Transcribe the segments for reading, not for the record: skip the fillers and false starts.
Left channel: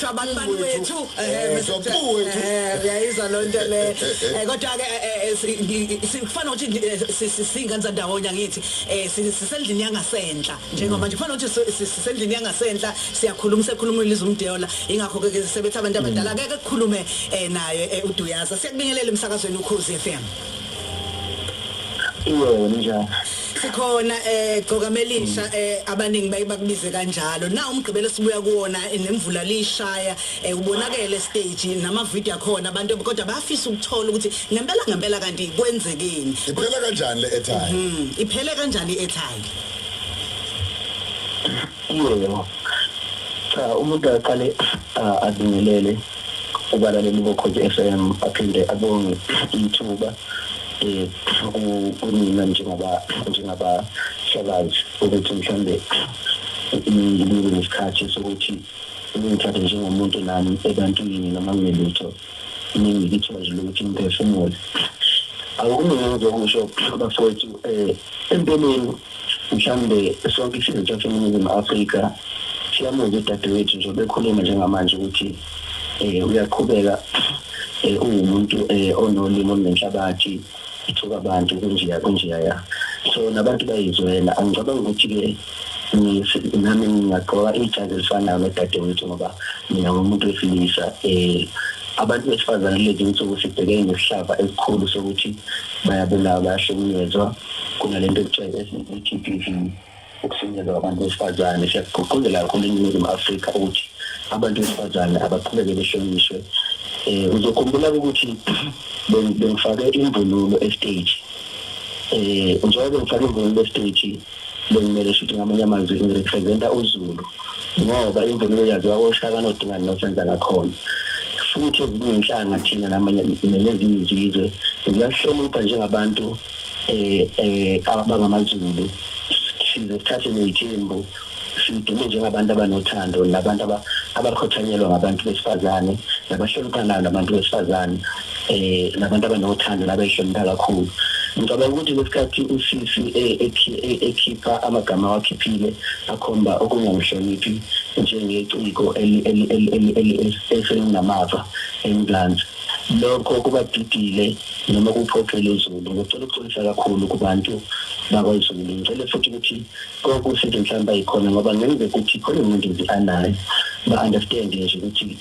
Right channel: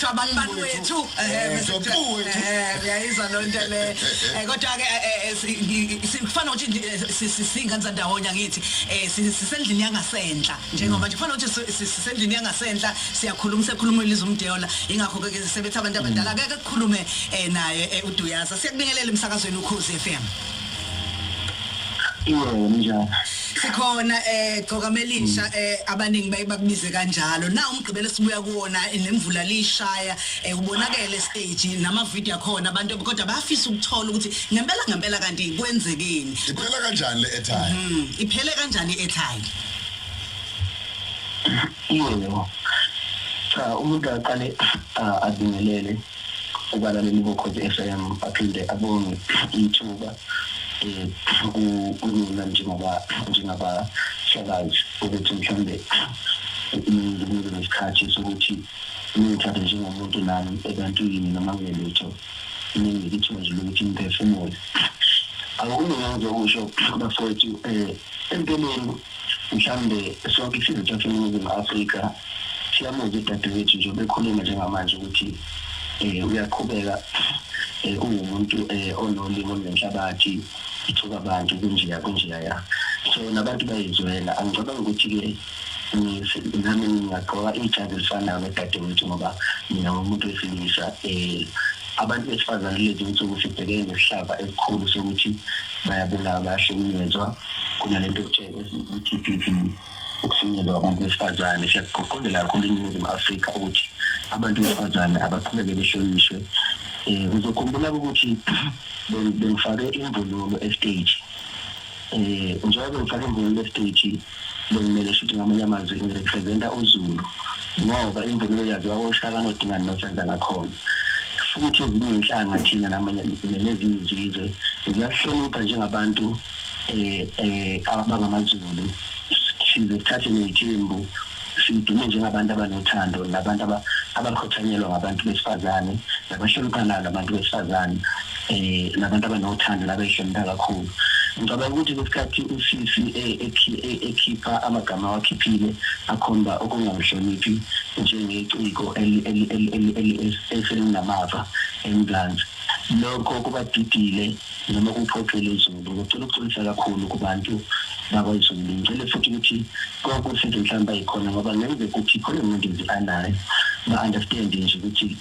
Shabani wethu uyayizwa lonto le kodwa ke sifana ukuthi singane zandawonya ngithi sisendlini yangasenhla njengoba nje kufana ukuthi sisendlini yangasenhla sikhuluma ilizwi umdeyola ingakho ke sisebenza abantu abadala ke kukhulume naye uDuyaza siyakubingelela emsakazweni uKhozi FM. Njani sikhona Gogamelisha abaningi bayibakubize kanjalo na umgqibelo sibuya kuona nemvula lishaya ubonakele stage nama video akhona abantu kodwa bayafisa ukuthola ukuthi ngempela kanti kwenzekeni iphela kanjani le airtime iphele kanjani i-airtime umuntu aqale adingelele ubalaleli boKhozi FM aphinde abonge ithuba unina njengaba shabazi ukuthi mhlambe ngisikhathi sokuthi ngithathe njengomuntu nami ebantwini noma ngelutho ngikithoje ukuthi ngiphefumule awukungenza ukusho bafowethu empeleni mhlambe sonke isizwe saseNingizimu Afrika siyamuza udadewethu nje bekhuluma njengamanje ukuthi uyaqhubeka umuntu onolimo nenhlabathi ithuka abantu kunjiya so nabantu bayizwela angicabanga ukuthi ke nami ngiyaqoka ijazi elifanayo nedadewethu ngoba mina ngumuntu wesilisa abantu besifazane lezi insuku sibhekene nesihlava esikhulu sokuthi bayabulawa bayahlukunyezwa kunalento okuthiwa i-TPV ukufinyelwa abantu besifazane siyaqoqozela kakhulu eNingizimu Afrika ukuthi abantu besifazane abaqhubeke behlonishwe. Uzokhumbula ukuthi bengifake imvunulo estage njengoba ngifake imvunulo estage bengimele ukuthi ngamanye amazwi ngirepresenta uZulu ngoba imvunulo yaziwa koShaka noDingani noSenza ngakhona futhi ezinye inhlanga thina namanye nezinye izizwe ziyahlonipha njengabantu abangamaZulu sizothatha nezithembu sidume njengabantu abanothando nabantu abakhotshanyelwa ngabantu besifazane nabahloniphana nabantu besifazane nabantu abanothando nabahlonipha kakhulu. Ngicabanga ukuthi lesikhathi usisi ekhipha amagama wakhiphile akhomba okungamhloniphi njengeciko eselinamava eMzansi lokho kubadidile noma kuphoqele izulu ngicela ukuxolisa kakhulu kubantu bakwaZulu ngicela futhi ukuthi konke usizo mhlawumbe ayikhona ngoba ngeke ukuthi khona umuntu anayo ba-understand nje ukuthi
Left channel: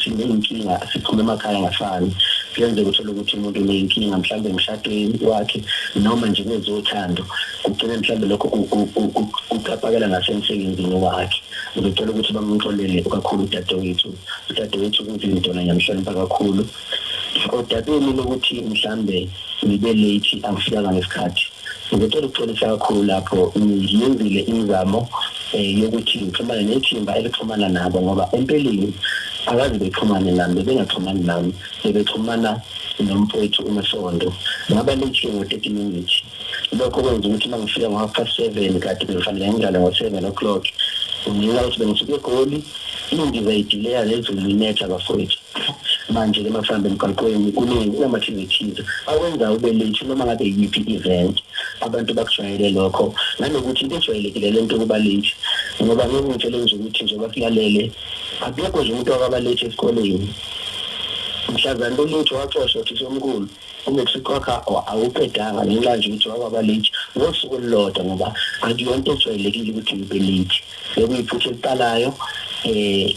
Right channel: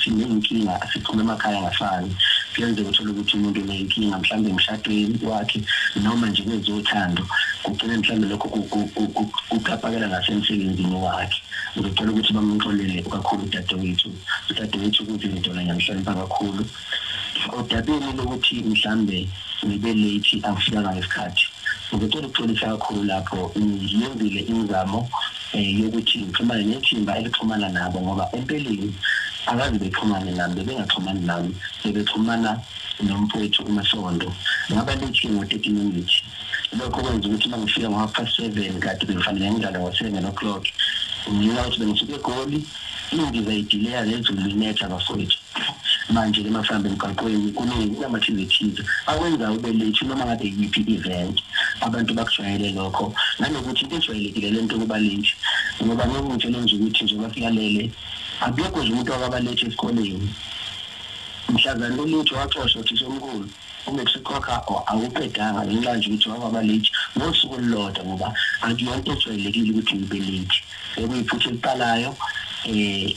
sinenkinga sikhuluma emakhaya ngafani kuyenza ukuthola ukuthi umuntu unenkinga mhlawumbe emshadweni wakhe noma nje kwezothando kugcina mhlawumbe lokho ukapakela ngasemsebenzini wakhe ngicela ukuthi bamxolele kakhulu udadewethu kuzinto namhlanje kakhulu odabeni lokuthi mhlawumbe ngibe late angifikanga ngesikhathi ngicela ukuxolisa kakhulu lapho ngiyenzile ingamo yokuthi ngixhumane nethimba elixhumana nabo ngoba empeleni akazi bexhumane nami bengaxhumani nami bexhumana nomfowethu uMasondo ngaba late ngo-30 minutes lokho kwenza ukuthi mangifika ngo-7:30 kade bekufanele ngidlale ngo-7:00 ngiyala ukuthi bengisuke eGoli indiza idileya lezulu linetha bafowethu manje ke masambe emgaqweni kunama-activities awenza ube late noma ngabe yiphi event abantu bakujwayele lokho nanokuthi into ejwayelekile lento kuba late ngoba ngokutshela nje ukuthi nje bafikalele akekho nje umuntu akaba late esikoleni mhlazana lo late waxoshwa ukuthi somkhulu umekusikhokha awuqedanga ngenxa nje ukuthi wakaba late ngosuku olulodwa ngoba akuyonto ejwayelekile ukuthi ube late bekuyiphutha eliqalayo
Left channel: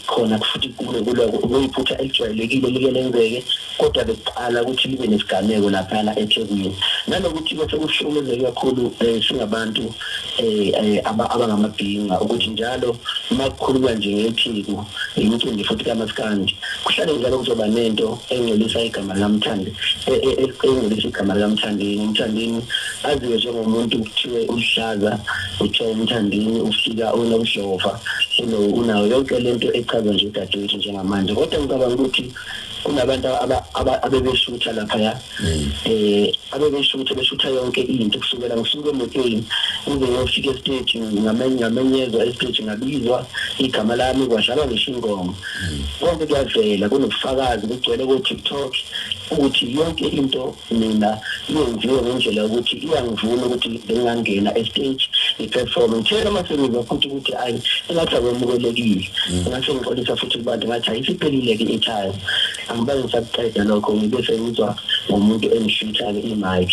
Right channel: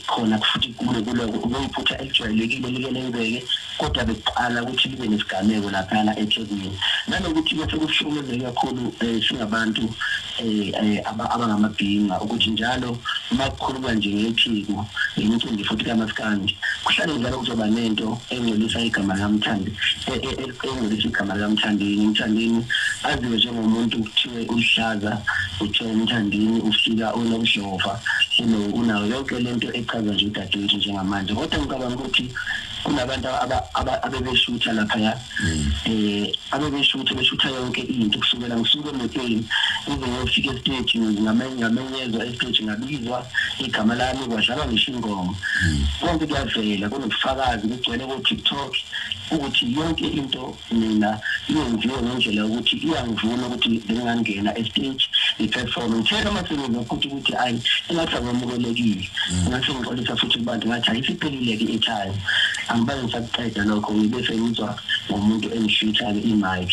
khona futhi kuyiphutha elijwayelekile likelenzeke kodwa bekuqala ukuthi libe nesigameko lapha eThekwini nanokuthi bese kuhlukumezeka kakhulu singabantu abangamabhinga ukuthi njalo uma kukhuluma nje ngephiko imicimbi futhi kamaskandi kuhlale njalo kuzoba nento engcolisa igama likaMthandeni Mthandeni aziwe njengomuntu kuthiwe uhlaza uthiwa uMthandeni ufika unomhlova unayo yonke lento echaza nje udadewethu njengamanje kodwa ngicabanga ukuthi kunabantu abebeshutha lapha abebeshutha yonke into kusukela ngisuke emotweni kuze ngiyofika estage ngamenyezwa estage ngabizwa igama lami kwadlalwa ngisho ingoma konke kuyavela kunobufakazi kugcwele ku-TikTok ukuthi yonke into mina yenziwe ngendlela ukuthi iyangivuna ukuthi bengangena estage i-platform ngitshela amasebenzi futhi ukuthi ayi engathi abemukelekile ngase ngixolisa futhi kubantu ngathi ayisiphelile-ke i-time angibaze ngisakuqeda lokho ngibe sengizwa ngomuntu engishutha-ke i-mic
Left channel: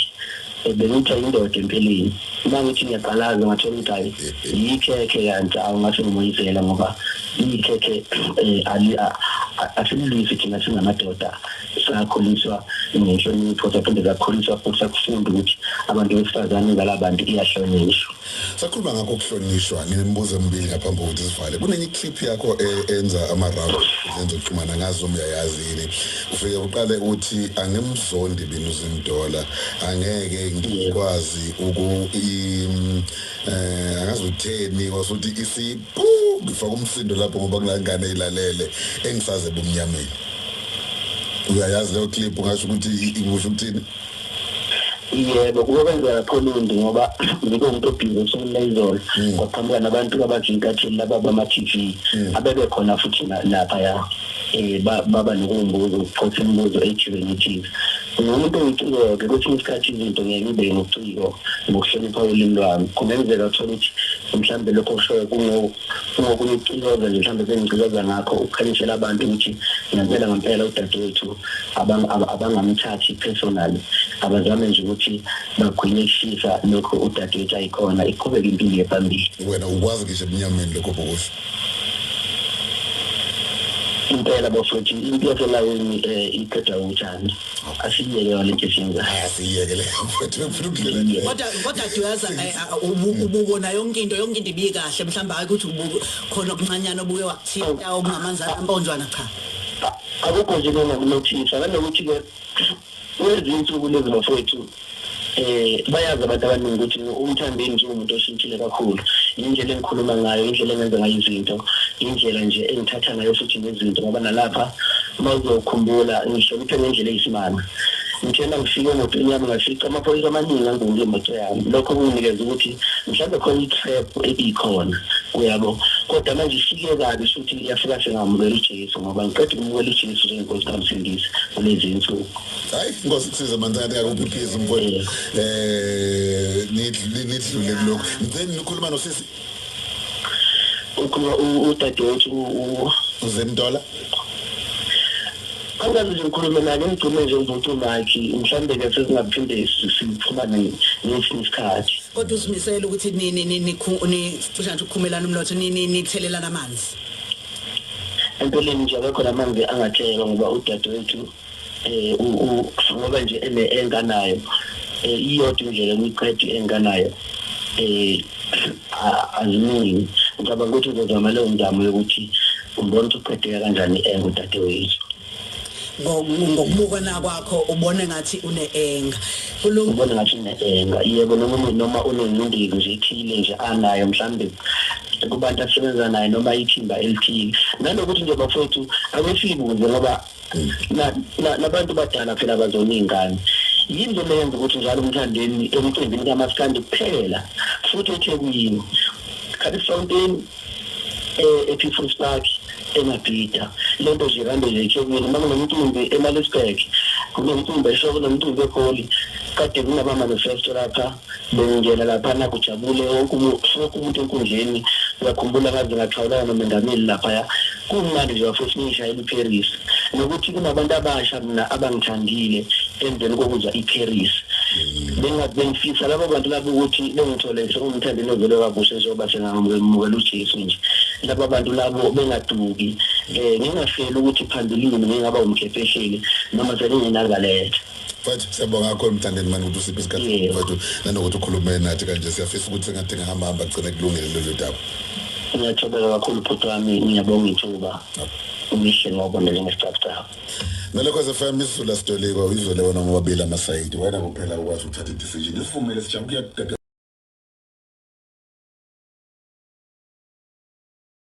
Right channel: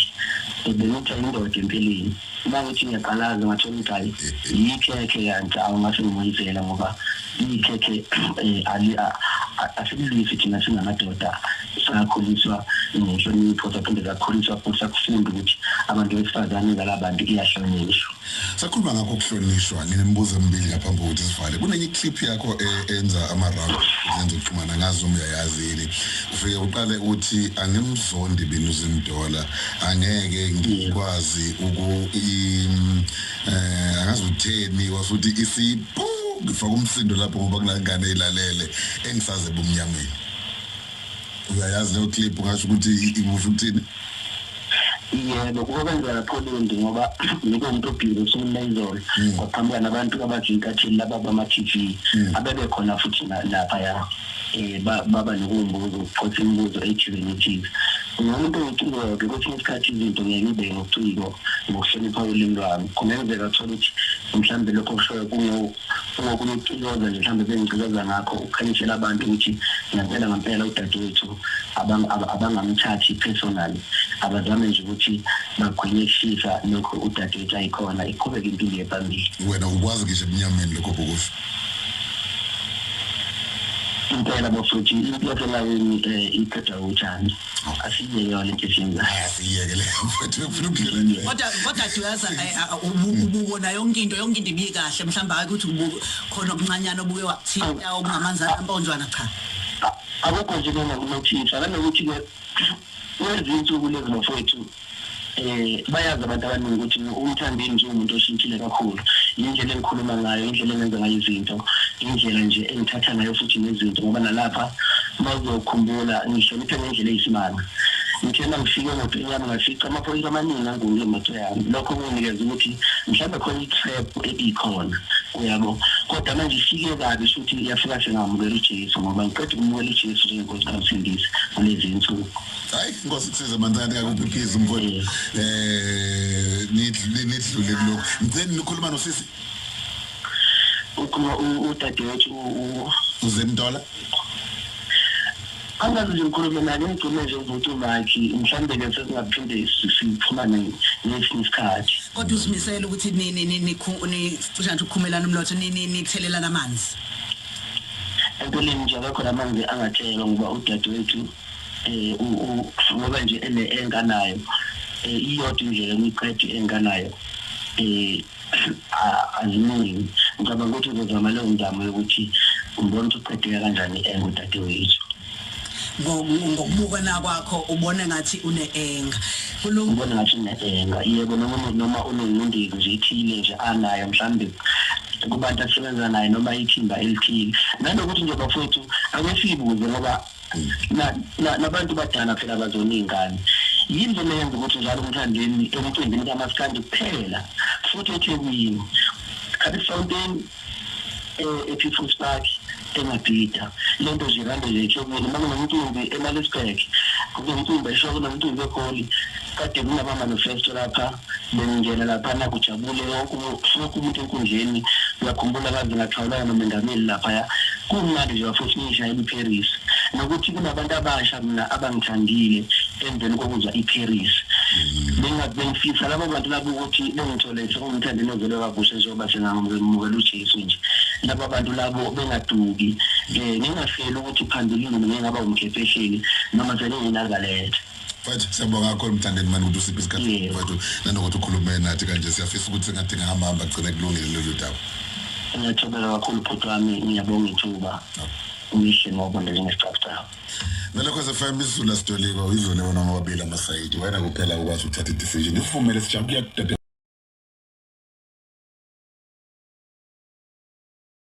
bengithi indoda empeleni uma ngithi ngiyaqalaza ngathola ukuthi hayi yikhekhe kanti awungase ngimoyizela ngoba ikhekhe asililisi thina singamadoda sakhuliswa ngenhlonipho saphinde sakhuliswa futhi sakufunda ukuthi abantu besifazane ngalabantu iyahlonishwa. Sakhuluma ngakho ukuhlonishwa ngimbuzo embili ngaphambi kokuthi sivale kunenye clip yakho enza ama-round zenza ukuxhumana ngazo uyayazini ufike uqale uthi angimzondi binuzimdola angeke ngikwazi angazi utheni wasuthi isiphu ngifaka umsindo lapho ngoba kunangane ilalele engisaze bomnyameni uyayazi leyo clip ungasho ukuthi ibusho ukuthini? Yebo kukwenzeka khulundi ngoba ngibe umuntu obhizi somlayizolo kwaphambana nabantu abajinkathini laba bama-TV abebe khona futhi lapha ya baba nokumbuzo ukuphotha imibuzo ejibenithi umuntu oyiciko-ke kwesinye isikhathi izinto ngeke ngibe ngobuciko ngokuhlonipha ulimi lwami kungenzeka thola ukuthi mhlawumbe lokho kushoyo kungokunye ukucikoza nje mhlawumbe bengicikoza ngakho ukukhalishela abantu ukuthi ngempela udadewethu abangamthathi personally abazame nje ukuthi bagwinyekishisa lokho udadewethu ayikhona iqhubeke impilo yephambili. Wena ukwazi ngisho ebunyameni lokho bokusho impela bofuthi into yaselayini iqeda utshani asiyeke yona into esinza asiyeke le mfethu ufuna ukuphila kodwa duyaza ububona yonke into ibikahle mhlamba ukuthi khona okuncanyana obuye wakuthinta okungamanzi amponjwana cha akukho nje mina nginothisa nanokuthi-ke kwezinsuku lezi bafowethu bayazi abantu abaningi ukuthi uMthandeni nje umuntu oshintshile kakhulu indlela engikhuluma ngayo indlela engenza ngayo izinto indlela nje engithatha ngayo futhi nezinto ngoba nalapha mawuzokhumbula ngihloniphe ngendlela eyisimanga ngithena ngifike emotweni yami ngafica amaphoyisa amaningi anguye emoto yami lokho kunginikeza ukuthi mhlawumbe khona i-trap ebikhona uyabo kodwa manje ifike kabi futhi iyafika sengamukela uJesu ngoba ngiqeda ukumukela uJesu njengenkosi kaMsindisi ngalezi zinsuku. Hayi inkosi kusiza Mthandeni akuphikiza mfowethu nidlule kulokho Mthandeni nikhuluma nosisi udadewethu uZimdola angazi nje ngikhulume naye ngigcine nje ngizothi lakhe mhlawumbe-ke sesingaphinde siphumane ngesinye isikhathi kodwa usimisele ukuthi cishe ukukhumelana umnotho nithelelana amanzi empeleni nje akekho lamanzi angathelwa ngoba udadewethu ngoba nje enganayo iyodwa indlela emiqedi enganayo aziningi ngicabanga ukuthi uzozama leyo mzamo yokuthi umbone ukuthi uqedeka kanjani udadewethu ngokubukana kwakho ubone ngathi une-enga ubone ngathi une-enga yebo noma unengcindezi nje ithile nje anayo mhlawumbe kubantu asebenza naye noma ithimba elithile nanokuthi nje bafowethu akesibuze ngoba nabantu badala phela bazoningane yinto leyenza ukuthi njalo uMthandeni emcimbini kaMaskandi kuphela futhi eThekwini Capital Fountain ePeople's Park eMabhida lento nje kanti nje eThekwini makunomcimbi eMalisburg kunomcimbi eshoko nomcimbi eGoli kade kunama-manifesto lapha bengingena lapha nakujabule wonke umuntu enkundleni uyakhumbula kaze ngathawulana nomengameli laphaya kumnandi nje bafuthi ngishayela iParis nokuthi kunabantu abasha mina abangithandile emveni kokuzwa iParis bengifisa labo bantu labo ukuthi bengithole sekumthandeni ovele wabusha njengoba sengamukela uJesu nje laba bantu labo bengaduki ngingafeli ukuthi phambilini ngingaba umkhephesheli noma selingenazaletha Mfethu siyabonga kakhulu Mthandeni manje ukuthi usiphe isikhathi mfethu nanokuthi ukhulume nathi kanje siyafisa ukuthi sengathi ngihamba agcine kulungile lelo daba. Ngiyathokoza kakhulu bhuti wami ngiyabonga ithuba umihle ngoba njengesicabha. Melekhoze FM isizula Sitoliba izole wona ngobabili amasayidi wena kuphela ukwazi ukuthatha i-decision isivumele sijabule